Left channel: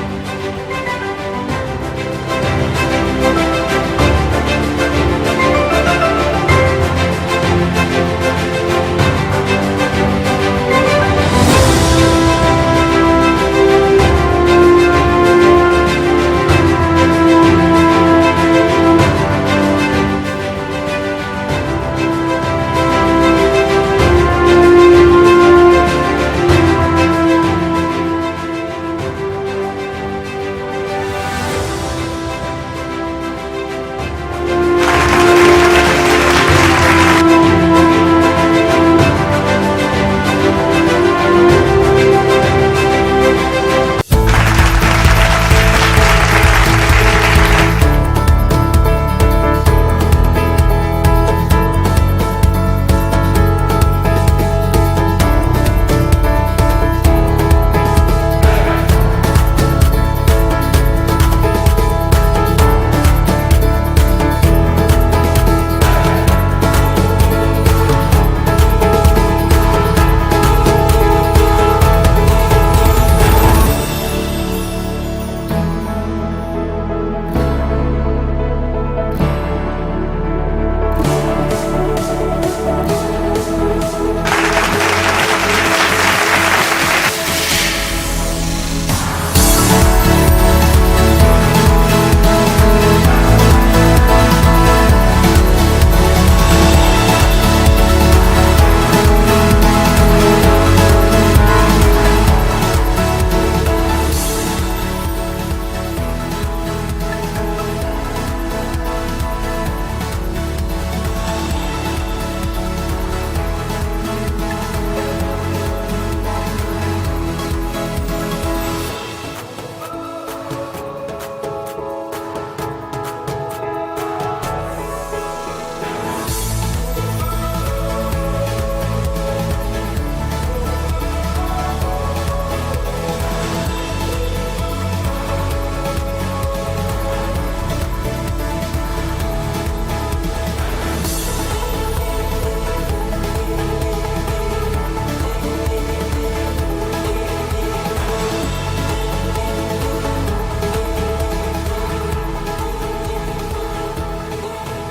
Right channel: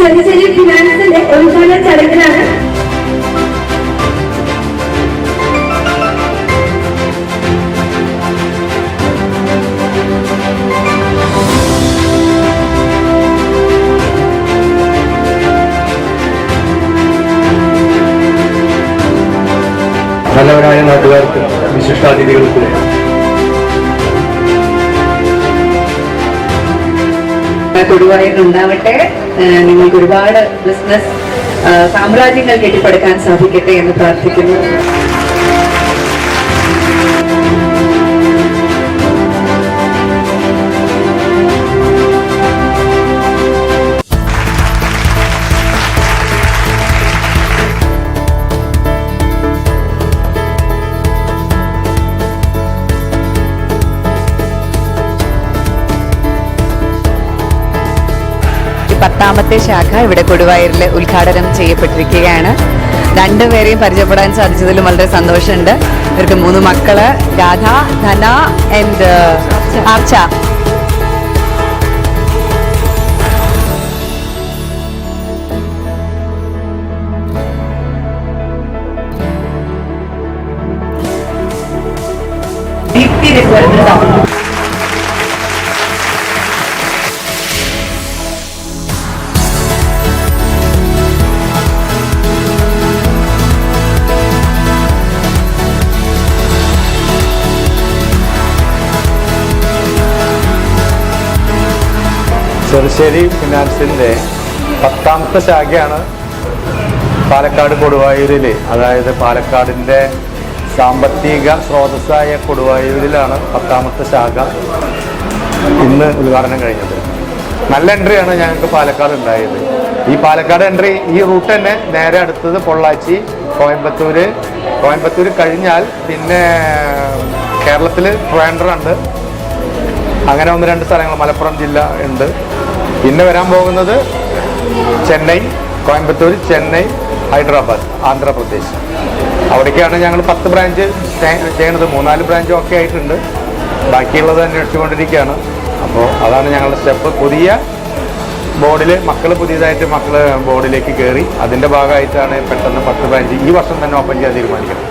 സഞ്ചരി ഫിനാൻസിന്റെ ഉദ്ഘാടന ചടങ്ങിലാണ് നല്ലവരായ നാട്ടുകാർക്ക് വിശിഷ്ടാതിഥികൾക്ക് കൊടുവായിട്ടുണ്ടാവട്ടെ. നിങ്ങൾക്ക് ഒരുപാട് ബിസിനസ് സാമ്രാജ്യങ്ങൾ കെട്ടിപ്പടുക്കാൻ സാധിക്കട്ടെ എന്ന് പ്രാർത്ഥിക്കുന്നു. പത്താമത്തെ ശാഖ ഇവിടെ കൊടുവായൂരിൽ ഉദ്ഘാടനം ചെയ്യപ്പെട്ടിരിക്കുകയാണ്. രണ്ടുപേരെയും പരിചയപ്പെടാൻ സാധിച്ചതിലും വളരെ സന്തോഷമുണ്ട്. ഇവർക്ക് 3 മക്കള്, രാധ, ധന ആൻഡ് ആർച്ച. ചെറുശ്ശേരി ഫിനാൻസിൻ്റെ 10ാമത്തെ ശാഖയാണ് പാലക്കാട് കൊടുവായൂരിൽ. അതായത് പാലക്കാടിൻ്റെ സാമ്പത്തിക സ്രോതസ്സായ കൊടുവായൂരിലാണ് 10ാമത്തെ ശാഖ ഇന്ന് ഉദ്ഘാടനം കഴിഞ്ഞത്. നല്ല എൻട്രിയാണ് ഞങ്ങൾക്ക് പാലക്കാട് ഉണ്ടായത്. ഈ പാലക്കാട് എൻട്രി ഈ റൂട്ട് തന്നെ നേരെ അടുത്തത് പൊള്ളാച്ചി, കോയമ്പത്തൂർ കഴിഞ്ഞാൽ പിന്നെ കേരളത്തിൽ ട്രിവാൻഡ്രം, അങ്ങനെ 1-2 സ്ഥലങ്ങൾ, മലപ്പുറം ജില്ല ഉണ്ട്. പിന്നെ വരാൻ പോകുന്നത് ചെന്നൈ, കോയമ്പത്തൂർ, ചെന്നൈ, ഹൈദരാബാദ്, ആന്ധ്രാപ്രദേശ്. അവിടേക്കാണ് ഞങ്ങൾ 10 ബ്രാഞ്ച് ചെയ്യണത്. 3-4 ബ്രാഞ്ചും ഒക്കെ ആയിട്ടുണ്ട്. ബാക്കിയുള്ളത് അന്വേഷിച്ചുകൊണ്ടിരിക്കുകയാണ്. അപ്പോൾ അതാണ് ഞങ്ങളുടെ സ്റ്റെപ്പ്. പുതിയ ബോർഡിൽ പുതിയതായിട്ട് ബോർഡിലേക്ക് കയറി. അതിൻ്റെ ഭാഗമായിട്ടാണ് പെട്ടെന്ന് 10 ബ്രാഞ്ച് ഈ വർഷം തന്നെ ഓപ്പൺ ചെയ്യാൻ തീരുമാനിക്കുന്നത്.